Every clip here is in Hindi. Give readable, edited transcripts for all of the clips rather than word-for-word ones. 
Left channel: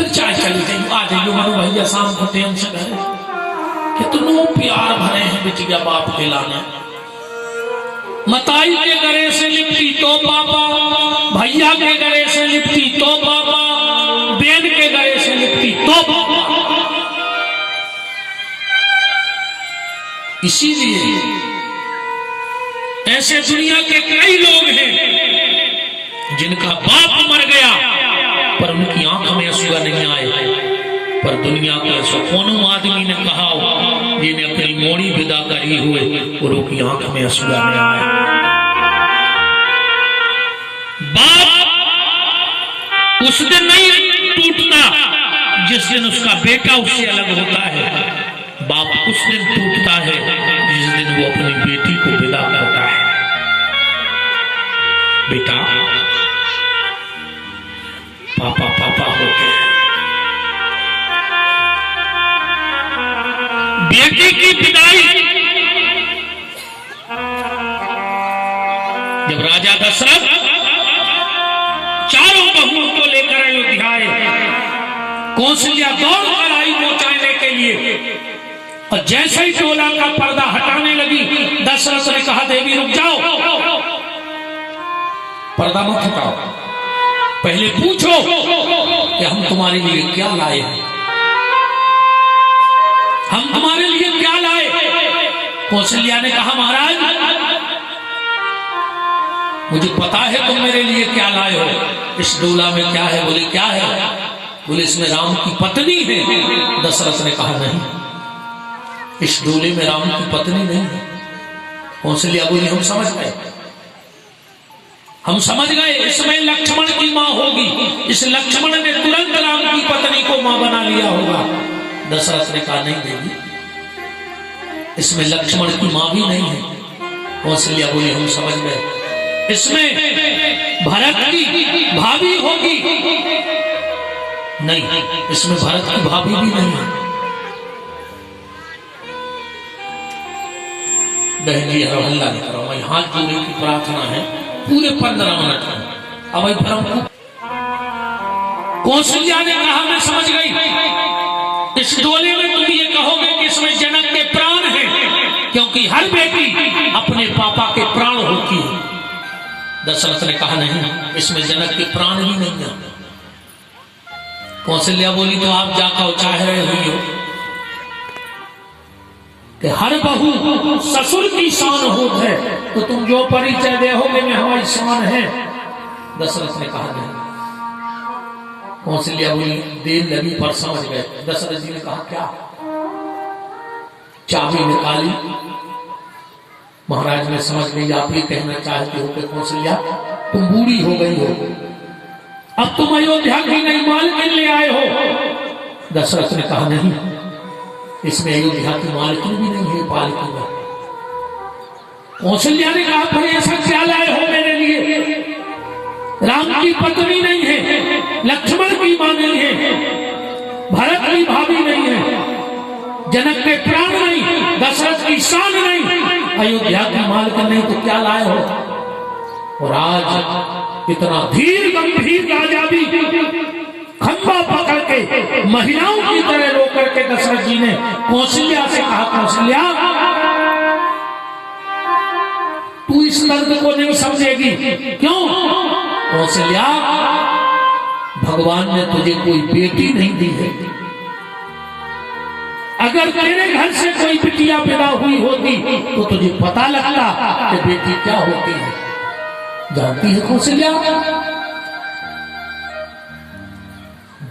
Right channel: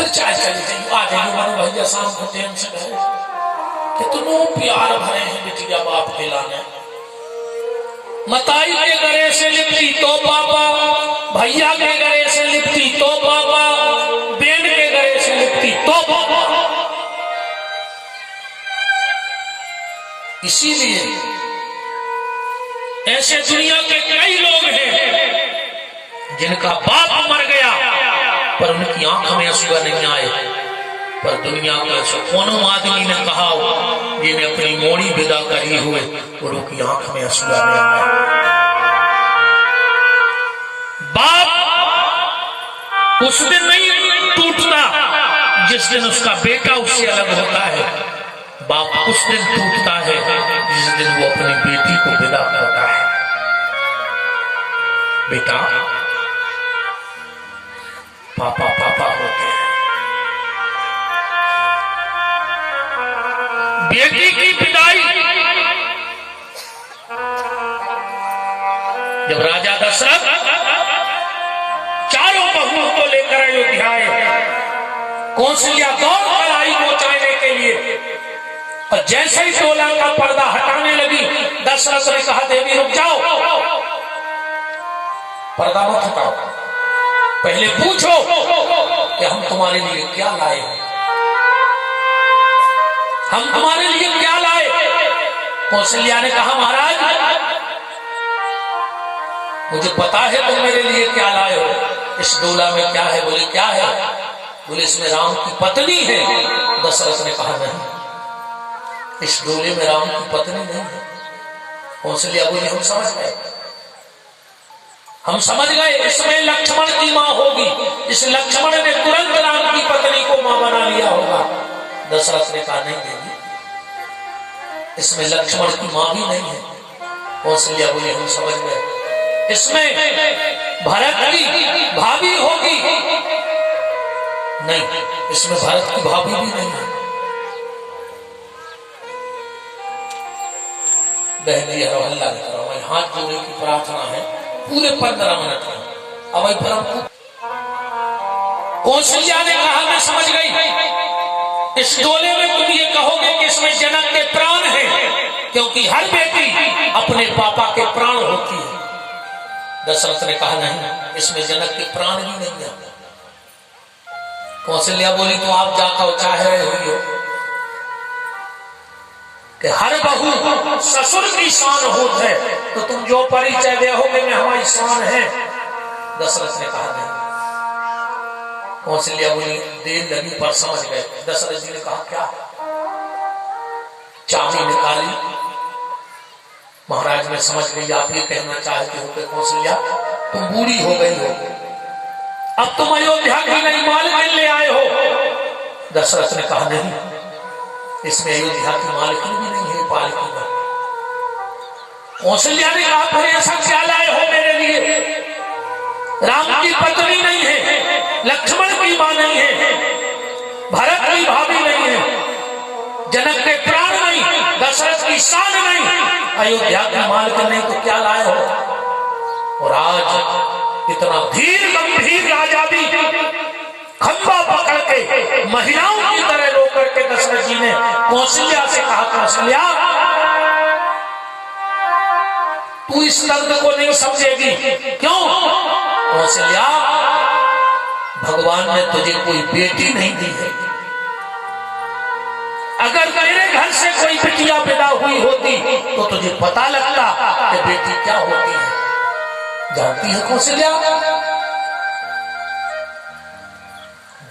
फिर चाय चली जाइए, आ जाइए मनु भैया शाम को टेम से गए। कितनों प्यार भरे हैं बिटिया बाप के लाने। मताई के गले से लिपटी तो पापा, भैया के गले से लिपटी तो पापा, बहन के गले से लिपटी तो पापा। इसीलिए ऐसे दुनिया के कई लोग हैं जिनका बाप मर गया पर उनकी आंख में आंसू नहीं आए, पर दुनिया को ऐसा कौन आदमी ने कहा जिन्हें अपनी मोड़ी विदा करी हुए और उनकी आंख में आंसू नहीं आए। बाप उस दिन नहीं टूटता जिस दिन उसका बेटा उससे अलग होता है, बाप उस दिन टूटता है जिस दिन वो अपनी बेटी को विदा करता है। बेटा पापा पापा होते हैं। बेटी की विदाई जब राजा दशरथ चारों बहुओं को लेकर अयोध्या आए, कौशल्या दौड़ कर आई पहुंचाने के लिए, और जैसे ही टोला का पर्दा हटाने लगी दशरथ ने कहा देवी रुक जाओ, पर्दा मत हटाओ, पहले पूछो कि हम तुम्हारे लिए क्या लाए हैं, हम तुम्हारे लिए क्या लाए। कौशल्या ने कहा महाराज मुझे पता है तुम मेरे लिए क्या लाए हो। इस डोला में क्या है? बोले क्या है? बोले इसमें राम की पत्नी है। दशरथ ने कहा नहीं, इस डोले में राम की पत्नी नहीं है। कौशल्या बोली हम समझ गए, हम समझ गए, इसमें लक्ष्मण की मां होगी, इस लक्ष्मण ने तुरंत राम की पत्नी को मां बना लिया होगा। दशरथ ने कहा नहीं देवी, इसमें लक्ष्मण की मां भी नहीं है। कौशल्या बोली हम समझ गए, इसमें भरत की भाभी होगी। नहीं, इसमें भरत की भाभी भी नहीं है। बहन जी हल्ला नहीं करो, मैं हाथ जोड़ने की प्रार्थना है पूरे 15 मिनट में। अब फिर हम कौशल्या ने कहा मैं समझ गई, इस डोले में तुम ये कहोगे कि इसमें जनक के प्राण हैं, क्योंकि हर बेटी अपने पापा के प्राण होती है। दशरथ ने कहा नहीं, इसमें जनक के प्राण भी नहीं है। कौशल्या बोली तो आप जाकर चाह रहे हुई हो कि हर बहू ससुर की शान होती है, तो तुम जो परिचय दोगे में हमारी शान है। दशरथ ने कहा नहीं। कौशल्या बोली देर लगी पर समझ गए। दशरथ जी ने कहा क्या? चाबी निकाली। महाराज ने समझ गई आप ये कहना चाहते हो कि कौशल्या तुम बूढ़ी हो गई हो, अब तुम अयोध्या की नई मालकिन ले आए हो। दशरथ ने कहा नहीं, इसमें अयोध्या की मालकिन भी नहीं है पालकी में। कौशल्या ने कहा फिर ऐसा क्या लाए हो मेरे लिए? राम की पत्नी नहीं है, लक्ष्मण की मां नहीं है, भरत की भाभी नहीं है, जनक के प्राण नहीं, दशरथ की शान नहीं, अयोध्या की मालकिन नहीं, तो क्या लाए हो? और आज इतना धीर गंभीर राजा भी खंबा पकड़ के महिलाओं की तरह रो करके दशरथ जी ने कौशल्या से कहा कौशल्या तू इस दर्द को नहीं समझेगी। क्यों? कौशल्या भगवान ने तुझे कोई बेटी नहीं दी है। अगर तेरे घर से कोई बिटिया पैदा हुई होती तो तुझे पता लगता कि बेटी क्या होती है। जानती है कौशल्या?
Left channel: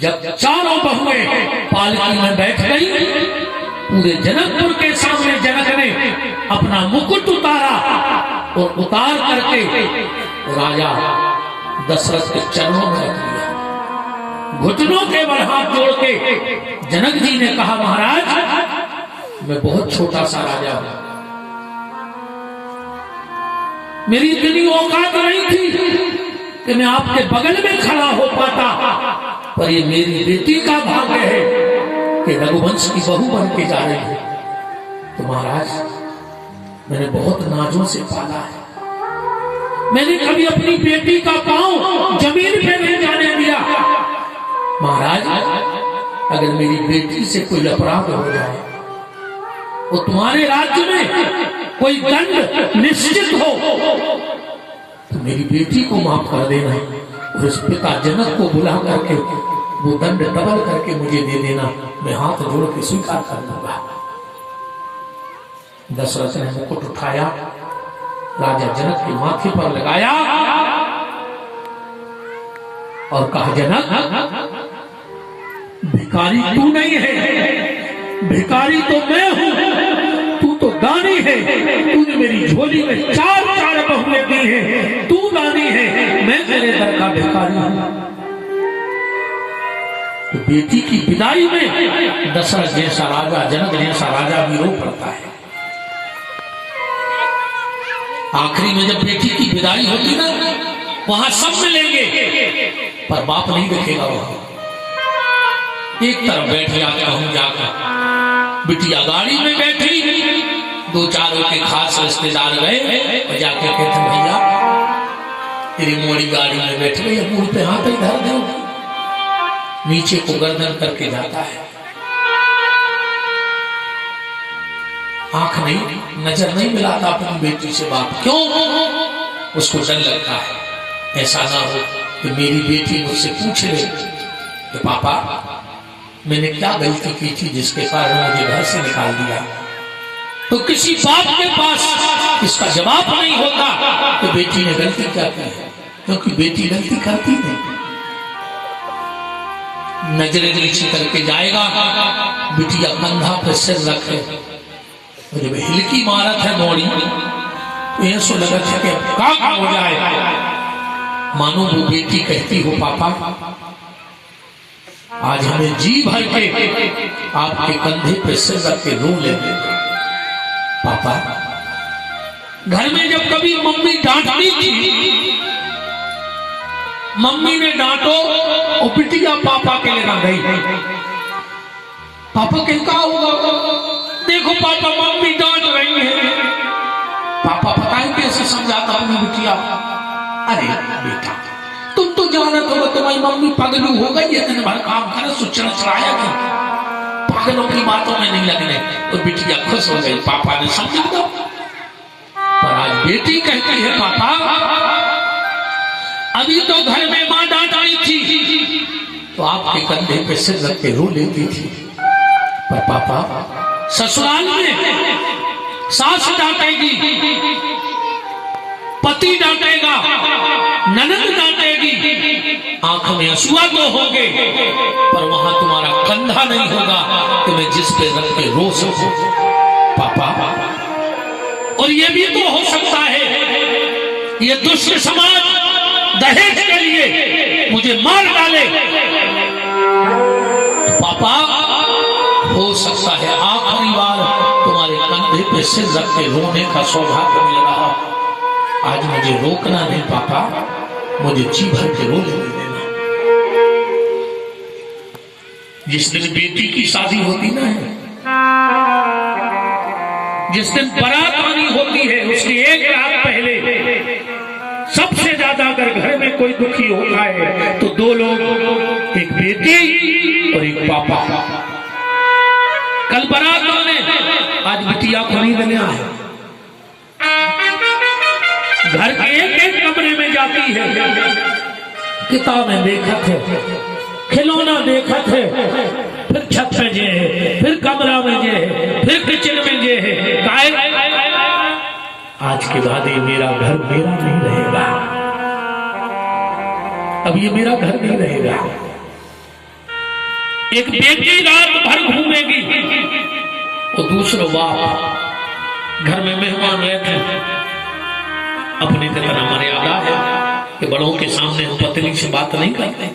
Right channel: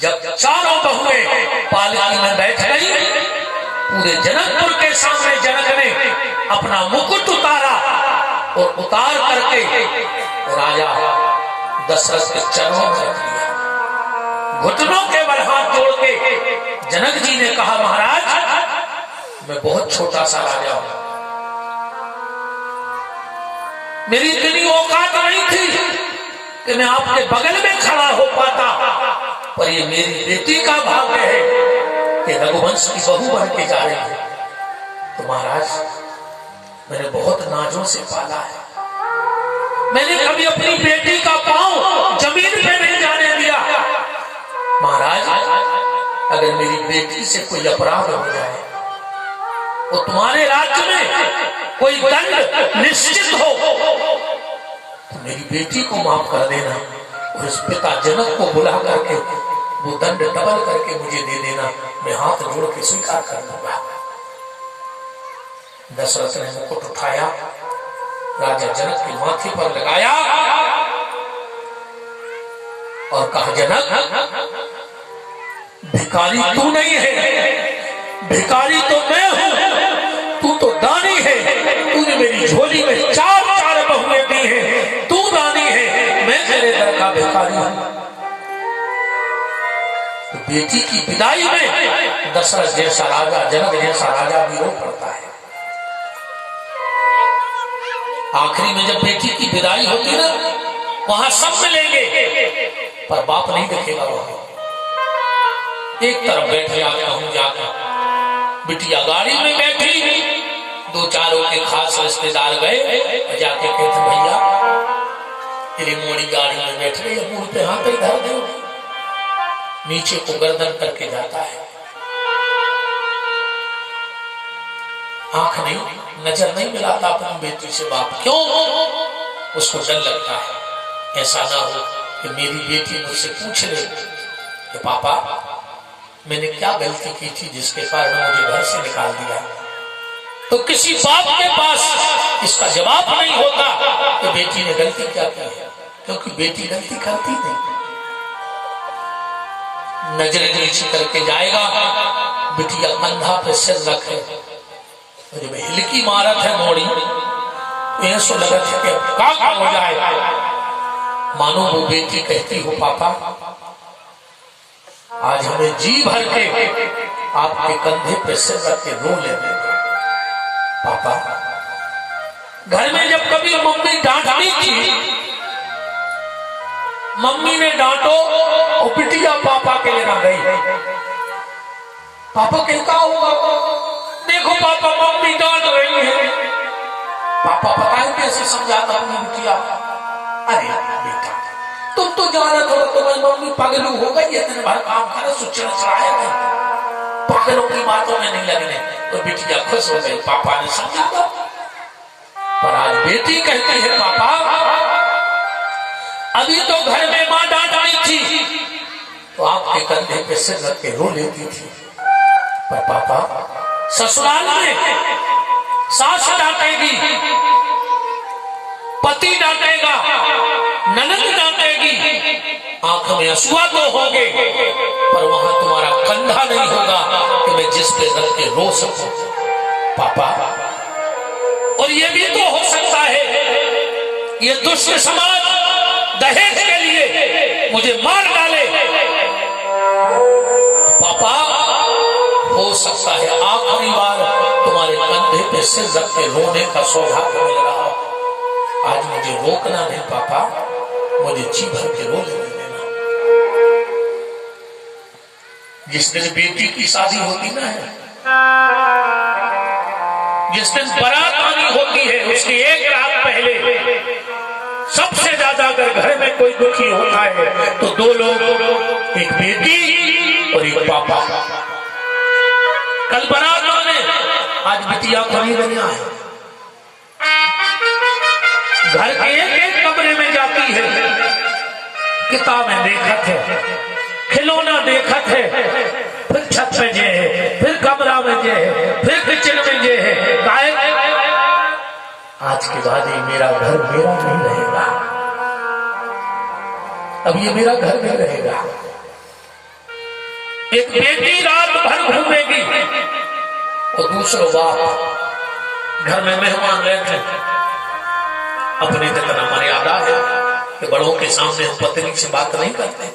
जब चारों बहुएं पालकी में बैठ गई, पूरे जनकपुर के सामने जनक ने अपना मुकुट उतारा और उतार करके राजा दशरथ के चरणों में रख लिया। घुटनों के बल हाथ जोड़ के जनक जी ने कहा महाराज मैं बहुत छोटा सा राजा हूं, मेरी इतनी औकात नहीं थी कि मैं आपके बगल में खड़ा हो पाता, पर ये मेरी बेटी का भाग्य है कि रघुवंश की बहू बन के जा रही है। तो महाराज मैंने बहुत नाजों से पाला है, मैंने कभी अपनी बेटी का पांव जमीन पे नहीं जाने दिया, महाराज, अगर मेरी बेटी से कोई अपराध हो जाए और तुम्हारे राज्य में कोई दंड निश्चित हो तो मेरी बेटी को माफ कर देना और उस पिता जनक को बुला करके वो दंड डबल करके मुझे दे देना, मैं हाथ जोड़ के स्वीकार कर लूंगा। दशरथ ने मुकुट उठाया, राजा जनक के माथे पर लगाया और कहा, जनक, भिखारी तू नहीं है, भिखारी तो मैं हूं, तू तो दानी है। तूने मेरी झोली में चार बहुएं दी हैं, तू दानी है, मैं तेरे दर का भिखारी हूं। तो बेटी की विदाई में दशरथ जैसा राजा, जनक जैसा राजा भी रो पड़ता है। आखिरी में जब बेटी की विदाई होती ना, वहां सब मिलेंगे पर बाप नहीं दिखेगा। वहां एक तरफ बैठ जाता हूं जाकर, बिटिया गाड़ी में बैठी, दो चारों के खास रिश्तेदार गए और जाके कहते, भैया तेरी मोड़ी गाड़ी में बैठ गई, मुंह पे हाथ ही धर दो। नीचे को गर्दन करके जाता है, आंख नहीं, नजर नहीं मिलाता अपनी बेटी से बाप। क्यों? उसको डर लगता है ऐसा ना हो कि मेरी बेटी मुझसे पूछ ले कि पापा मैंने क्या गलती की थी जिसके कारण मुझे घर से निकाल दिया। तो किसी बाप के पास इसका जवाब नहीं होता कि बेटी ने गलती क्या की है, क्योंकि बेटी गलती करती नहीं। नजरें नीचे करके जाएगा, बिटिया कंधा पे सिर रखे, जब हिलकी मारत है मोड़ी, ऐसा लगा था कि क्या हो जाए। मानो वो बेटी कहती हो, पापा आज हमें जी भर के आपके कंधे पे सिर रख के रो लेने। पापा, घर में जब कभी मम्मी डांटती थी, मम्मी ने डांटो और बिटिया पापा के लिए ना गई, पापा क्या होगा, देखो पापा मम्मी डांट रही है। पापा पता है कैसे समझाता अपनी बिटिया, अरे बेटा तुम तो जानत हो तुम्हारी मम्मी पगलू हो गई है, दिन भर काम करे सुचना चढ़ाया नहीं, पागलों की बातों में नहीं लगने। तो बिटिया खुश हो गई, पापा ने समझा दो। पर आज बेटी कहती है, पापा अभी तो घर में मां डांट रही थी तो आपके कंधे पे सिर रख के रो लेती थी, पर पापा ससुराल में सास डांटेगी, पति डांटेगा, ननद डांटेगी, आंख में आंसुआ तो होंगे, पर वहां तुम्हारा कंधा नहीं होगा कि मैं जिस पे रख के रो सकूं। पापा, और ये भी तो हो सकता है ये दुष्ट समाज दहेज के लिए मुझे मार डाले। पापा, हो सकता है आखिरी बार तुम्हारे कंधे पे सिर रख के रोने का सौभाग्य मिल रहा। आज मुझे रोकना नहीं पापा, मुझे जी भर के रो लेने देना। जिस दिन बेटी की शादी होती ना है, जिस दिन बारात आनी होती है, उसकी एक रात पहले सबसे ज्यादा अगर घर में कोई दुखी होता है तो दो लोग, एक बेटी और एक पापा। कल बारात आने, आज बिटिया खरीदने आए, घर के एक कमरे में जाती है, किताबें देखत है, खिलौना देखत है, फिर छत में जे है, फिर कमरा में जे है, फिर किचन में जे है। आज के बाद ये मेरा घर मेरा नहीं रहेगा, अब ये मेरा घर नहीं रहेगा। एक बेटी रात भर घूमेगी और दूसरा बाप घर में मेहमान बैठे, अपने कितना मर्यादा है कि बड़ों के सामने हम पत्नी से बात नहीं करते।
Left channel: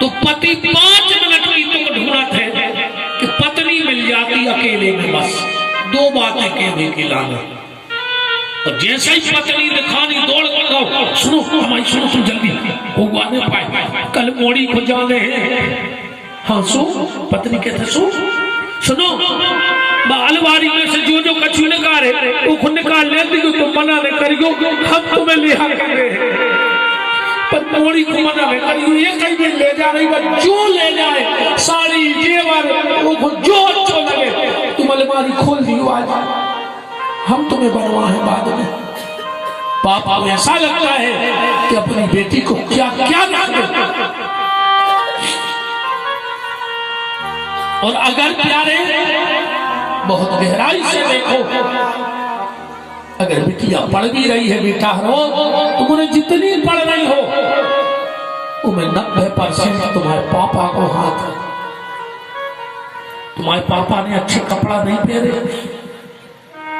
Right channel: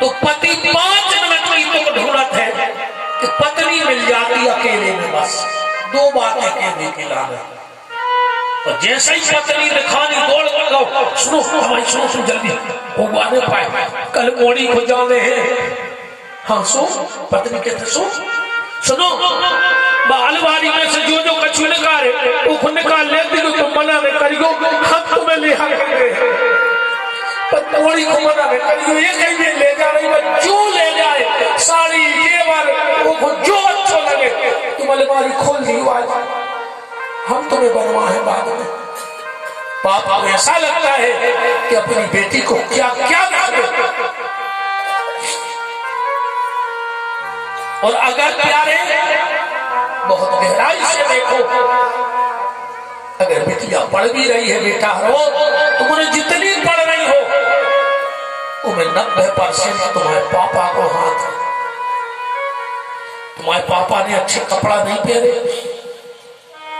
तो पति 5 मिनट की तो ढूंढत है कि पत्नी मिल जाती अकेले में, बस 2 बातें कहने की लानत। और जैसे ही पत्नी दिखानी दौड़ लगाओ, सुनो हमारी सुनो जल्दी होगा नहीं पाए, कल मोड़ी को जाने हैं। हाँ सुनो, पत्नी कहते सुनो, अलमारी में से जो कछु निकाले वो निकाल लेती, तो मना नहीं करियो, हम तुम्हें ले आएंगे। पर मोड़ी को मना है करियो ये कहीं भी ले जा रही है, जो ले जाए साड़ी जेवर वो जो अच्छा लगे तुम अलमारी खोल दियो आज, हम तुम्हें बनवाए बाद में। पापा को ऐसा लगता है कि अपनी बेटी को क्या क्या ना दे। और अगर प्यारे बहुत गहराई से देखो, अगर बेटिया पढ़ भी रही है बेटा रो, तुम उन्हें जितनी पढ़ रही हो उनमें 90% तुम्हारे पापा को हाथ है। तुम्हारे पापा ने अच्छे कपड़ा नहीं पहने,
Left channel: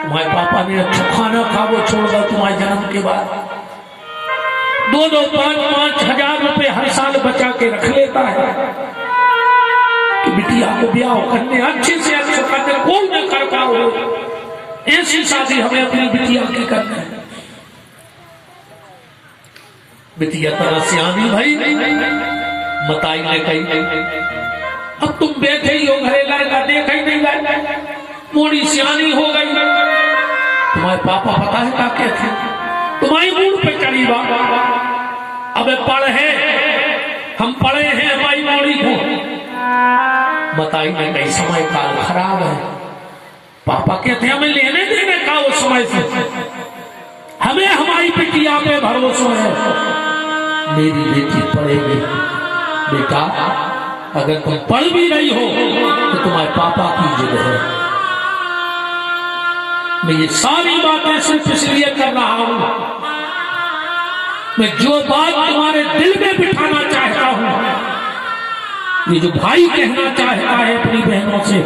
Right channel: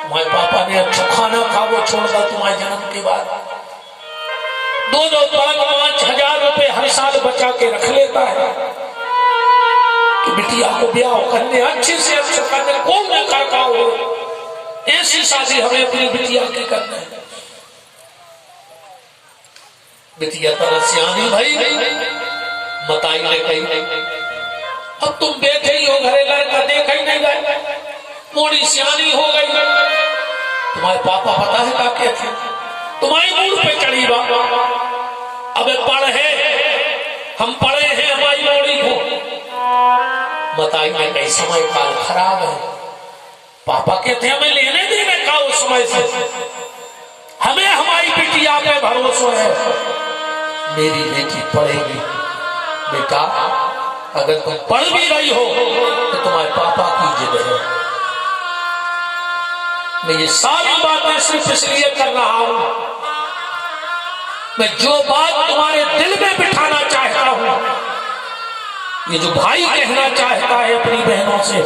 तुम्हारे पापा ने अच्छा खाना खा वो छोड़ दिया तुम्हारे जन्म के बाद। 2-2, 5-5 हजार रुपए हर साल बचा के रख लेता है कि बिटिया को ब्याह करने अच्छे से अच्छे करने कोई न कर पाओ, ऐसी शादी हमें अपनी बिटिया की करना है। बिटिया तरह से आनी भाई मताई ने कही, अब तुम बैठे ही हो घरे लड़का देखा ही नहीं गए, मोड़ी सियानी हो गई। तुम्हारे पापा पता है क्या कहते, तुम्हारी मूड पे चढ़ी बाबा, अब पढ़े हम पढ़े हैं हमारी मोड़ी को। बताई ने कई समय काल खराब है, पापा कहते हैं हमें लेने देने का उस समय से, हमें हमारी बिटिया पे भरोसा है, मेरी बेटी पढ़ेगी। बेटा अगर तुम पढ़ भी रही हो तो तुम्हारे पापा की जिद है। मैं ये सारी बातें सिर्फ इसलिए कर रहा हूं, मैं जो बात तुम्हारे दिल में बिठाना चाहता हूं, ये जो भाई कहना चाहता है अपनी बहनों से,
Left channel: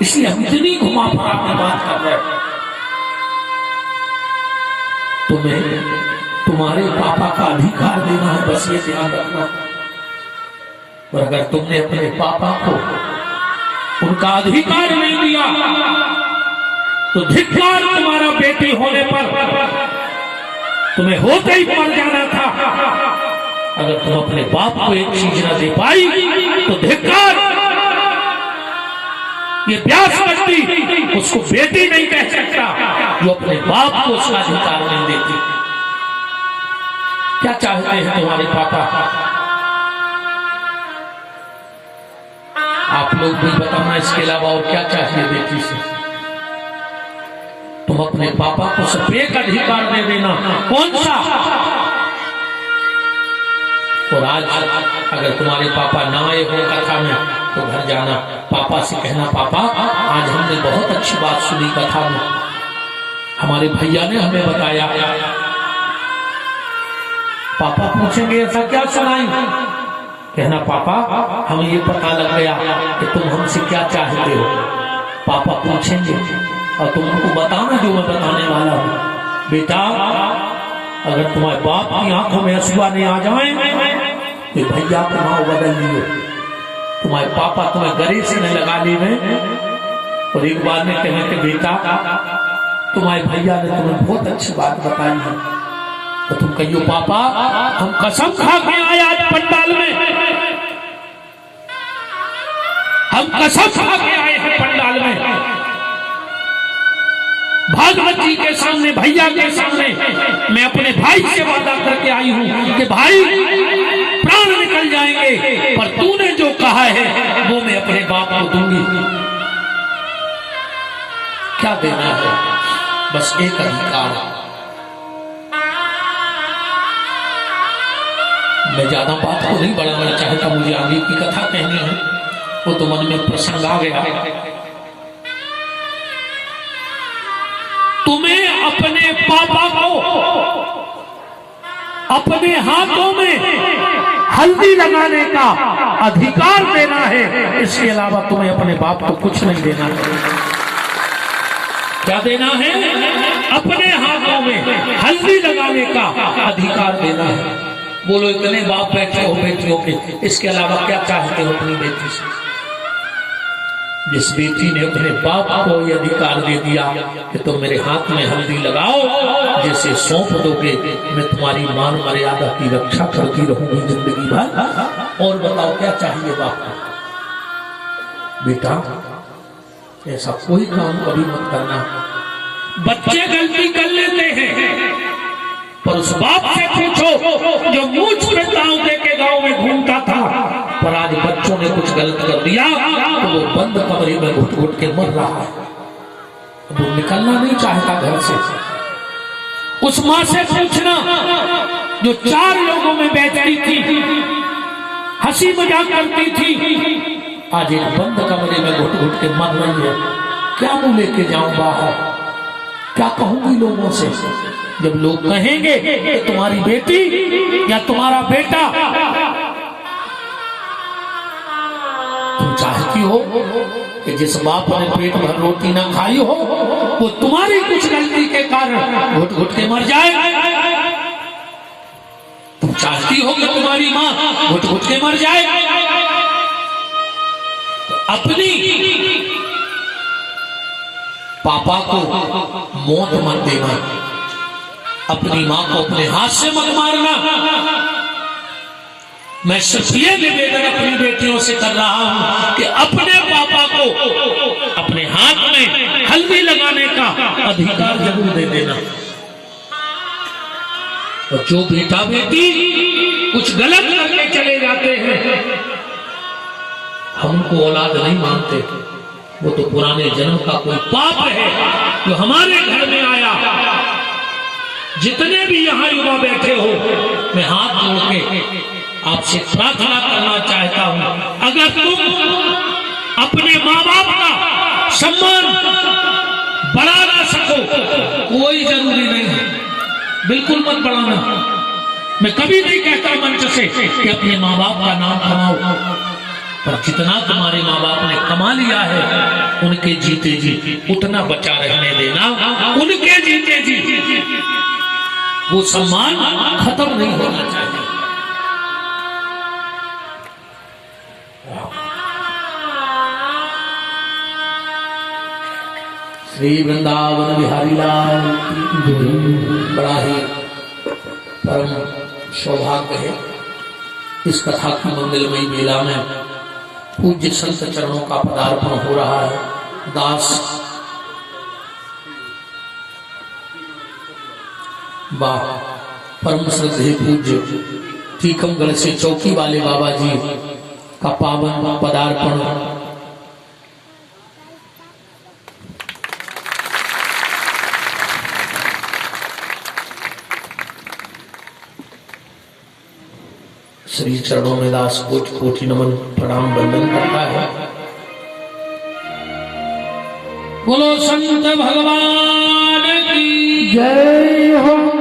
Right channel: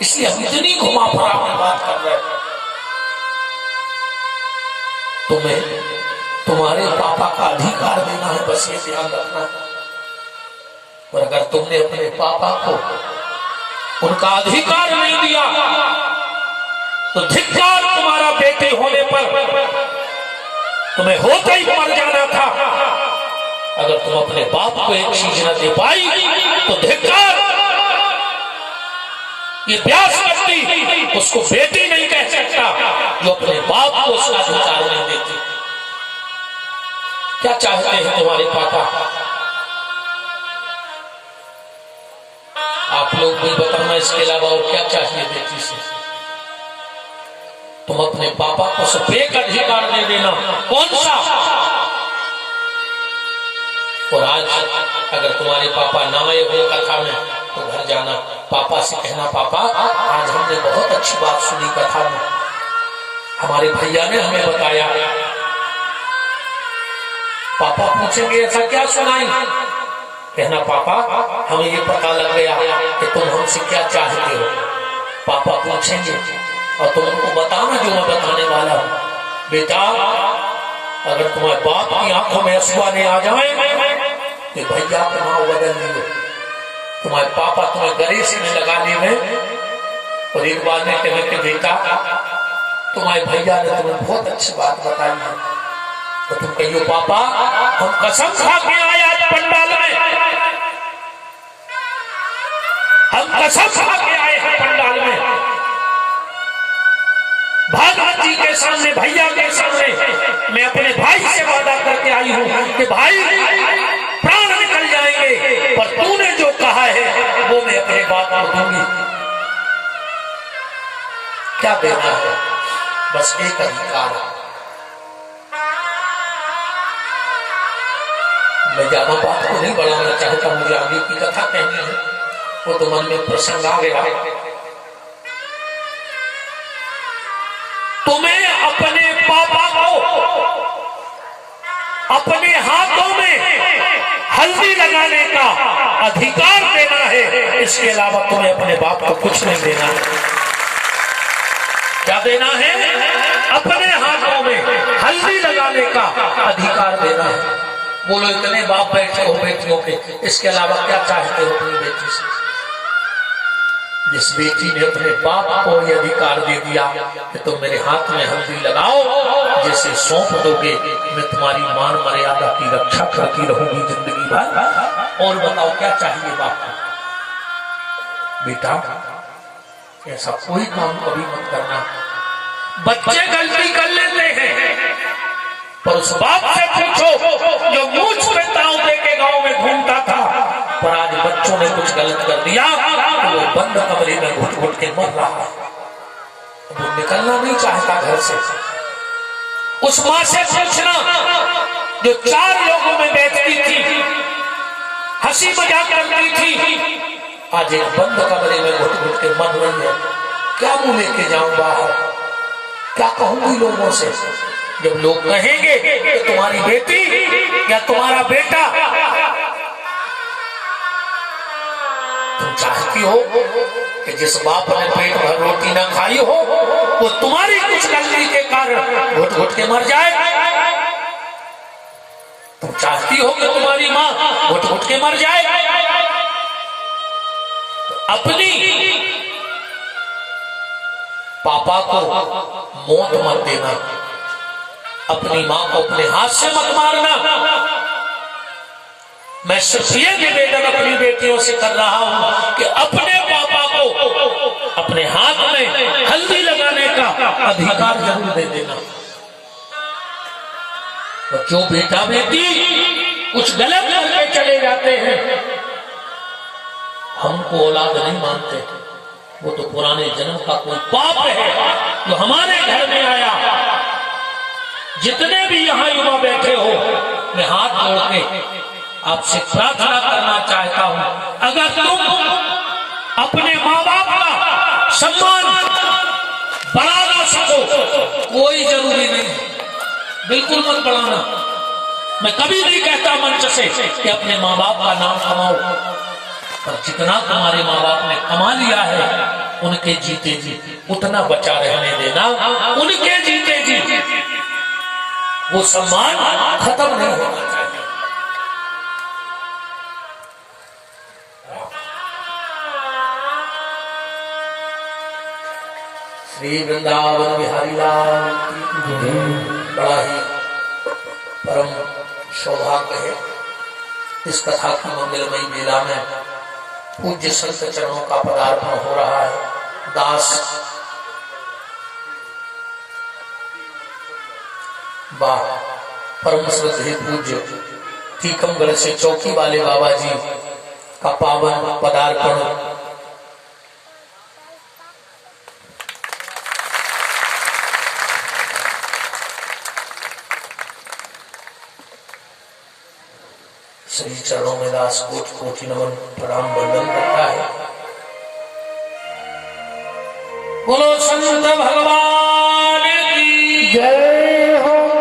इसलिए हम इतनी घुमा फिरा की बात कर रहे हैं। तुम्हें तुम्हारे पापा का अधिकार देना है, बस ये ध्यान रखना। और अगर तुमने अपने पापा को उनका अधिकार नहीं दिया तो धिक्कार तुम्हारा बेटे होने पर, तुम्हें होते ही मर जाना था। अगर तुम अपने बाप को एक चीज न दे पाई तो धिक्कार, ये व्यास करती उसको बेटी नहीं कह सकता जो अपने बाप को उसका अधिकार नहीं देती। क्या चाहते हैं तुम्हारे पापा? आप लोग भी बताना, इसके अलावा और क्या चाहिए बेटी से? तुम अपने पापा को सिर्फ एक अधिकार दे देना, कौन सा? और आज अगर तुम्हारे पापा ना आए हो कथा में तो घर जाना, पापा से कहना पापा आज हमने बहुत अच्छी बात सुनी कथा में, हमारे भैया ने हमें बताया। पापा पूछेंगे ऐसा क्या सुनाई? कहना पापा हमें ये पता लग गया कि तुम हमसे क्या चाहते हो। पापा पूछेंगे और तुम उनको बताना जो मैं बताने वाला हूं। बेटा अगर तुम्हारे बाप की आंखों में आंसू आने आ जाए तो भैया को नाव बदल दिए। तुम्हारे पापा तुम्हें गरीसी में लगा लिए और एक बार में कहें कि बेटा तुम्हारे भैया ने तुम्हें बहुत अच्छी बात बताई है, तो तुम कहियो पापा हम कसम खा के आए आज पंडाल में, हम कसम खा के आए हैं पंडाल में, भागवत जी के सामने, भैया के सामने मैं अपने भाई से वादा करके आई हूं कि भाई प्राण निकल जाएंगे पर तूने जो कहा है वो मैं अपने बाप को दूंगी। क्या देना है? बस एक अधिकार। मैं ज्यादा बात को नहीं बढ़ाना चाहता, मुझे आगे की कथा कहनी है, वो तो मन में प्रसंग आ गया। तुम्हें अपने पापा को अपने हाथों में हल्दी लगाने का अधिकार देना है, इसके अलावा तुम्हें अपने बाप को कुछ नहीं देना है। क्या देना है? अपने हाथों में हल्दी लगाने का अधिकार देना है। बोलो इतने बाप बैठे हो बेटियों के, इसके अलावा क्या चाहते हो अपनी बेटी से? जिस बेटी ने अपने बाप को यह अधिकार दे दिया कि तुम मेरे हाथ में हल्दी लगाओ, जिसे सौंप दोगे मैं तुम्हारी मान मर्यादा की रक्षा करती रहूंगी जिंदगी भर। और बताओ क्या चाहिए बाप को? बेटा ऐसा कोई काम कभी मत करना। बच्चे गलती कर लेते हैं, पर उस बाप से पूछो जो मूछ पे ताव दे के गांव में घूमता था, पर आज बच्चों ने कुछ गलत कर दिया तो वो बंद कमरे में घुट घुट के मर रहा है। अब वो निकलना नहीं चाहता घर से। उस माँ से पूछना जो 4 लोगों में बैठती थी, हंसी मजाक करती थी, आज एक बंद कमरे में घुट घुट के मर रही है। क्या मुंह लेके जाऊं बाहर, क्या कहूंगी लोगों से? जब लोग कहेंगे कि तुम्हारी बेटी या तुम्हारा बेटा, तुम चाहती हो कि जिस बाप ने पेट भर रोटी ना खाई हो वो तुम्हारी कुछ गलती के कारण घुट घुट के मर जाए? तुम चाहती हो कि तुम्हारी माँ घुट घुट के मर जाए? तो अपनी पापा को मौत मत देना, अपनी मां को अपने हाथ से मत मारना। मैं सिर्फ ये निवेदन अपनी बेटियों से कर रहा हूं कि अपने पापा को अपने हाथ में हल्दी लगाने का अधिकार जरूर दे देना। और जो बेटा बेटी कुछ गलत करके चले जाते हैं, हमको औलाद नहीं मानते, वो तो पुराने जन्म का कोई पाप है जो हमारे घर में आया। जितने भी यहाँ युवा बैठे हो, मैं हाथ जोड़ के आपसे प्रार्थना करना चाहता हूं, अगर तुम अपने माँ बाप का सम्मान बढ़ा ना सको, कोई जरूरी नहीं है, बिल्कुल मत बढ़ाना। मैं कभी नहीं कहता मंच से कि अपने माँ बाप का नाम कमाओ, पर जितना तुम्हारे माँ बाप ने कमा लिया है उनके जीते जी उतना बचा रहने देना। उनके जीते जी वो सम्मान खत्म नहीं होना चाहिए। श्री वृंदावन बिहारी लाल, बड़ा ही परम सौभाग्य है इस कथा की मंगलमयी मेला में पूज्य संत चरणों का पदार्पण हो रहा है। दास वाह, परम श्रद्धेय पूज्य टीकमगढ़ से चौकी वाले बाबा जी का पावन पदार्पण। श्री चरणों में दास कोटि कोटि नमन प्रणाम वंदन करता है। बोलो संत भगवान की जय हो।